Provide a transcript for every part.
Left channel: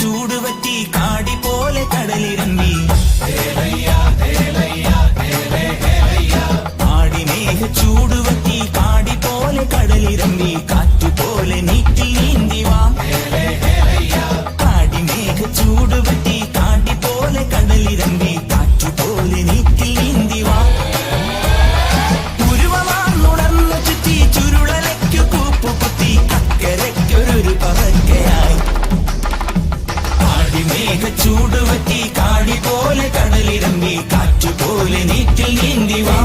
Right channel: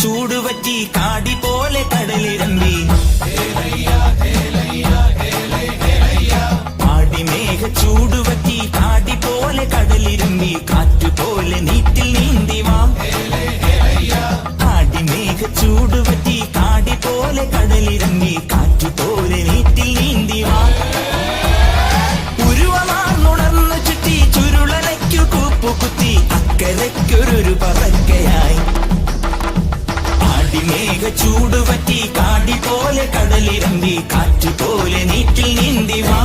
ചൂടുപറ്റി കാടി പോലെ കടലിറങ്ങി ആടിമേഘ ചൂടുപറ്റി കാടി പോലെ കടലിറങ്ങി കാറ്റുപോലെ നീറ്റിൽ നീന്തി വാ ആടിമേഘ ചൂടുപറ്റി കാടി പോലെ കടലിറങ്ങി കാറ്റുപോലെ നീറ്റിൽ നീന്തി വാ ഉരുവമാർന്നുടന്നു ചുറ്റി ചുരുളലയ്ക്കു കൂപ്പുകുത്തി അക്കരയ്ക്കൊരു പകർക്കയായി ചൂടുപറ്റി കാടി പോലെ കടലിറങ്ങി കാറ്റുപോലെ നീറ്റിൽ നീന്തി വാ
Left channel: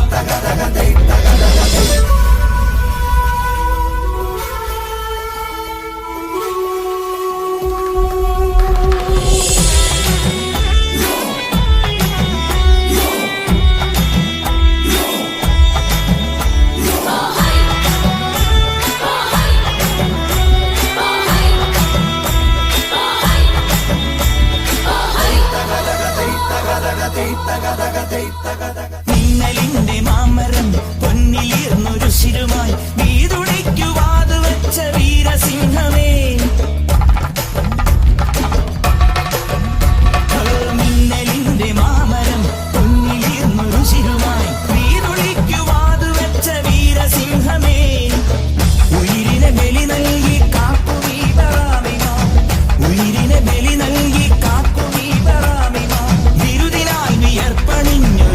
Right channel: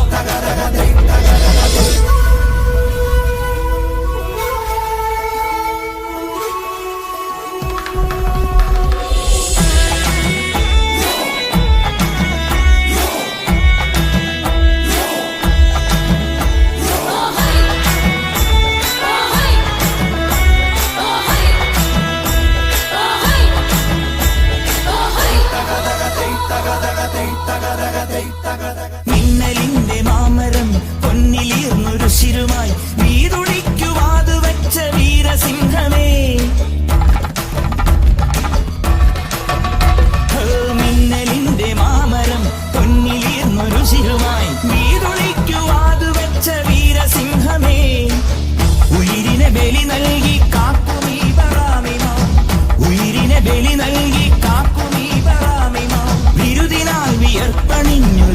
മിന്നലിന്റെ മാമരം പൊന്നിലിരുന്നൊരു ശിരുമായി വീരൊളിക്കുവാത് വെച്ച വീരസിംഹമേ മിന്നലിന്റെ മാമരം പൊന്നിലിരുന്നൊരു ശിരുമായി വീരൊളിക്കുവാത് വെച്ച വീരസിംഹമേ ഉയിരിനെ ബലി നൽകി കാക്കും ഈ ബറാമിമാ ഉയിരിനെ ബലി നൽകി കാക്കും ഈ ബറാമിമാ വിരുദിനായി വിയർപ്പണിഞ്ഞു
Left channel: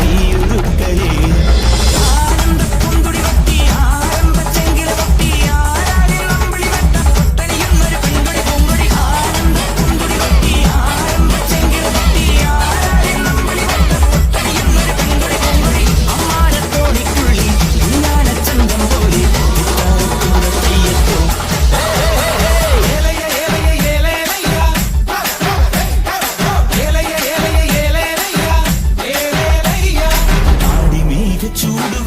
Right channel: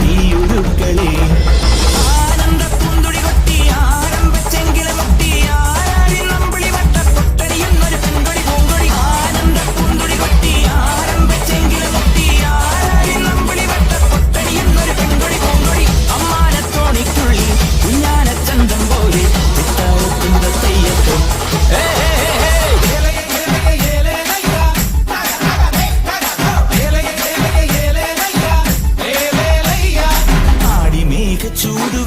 ചൂട്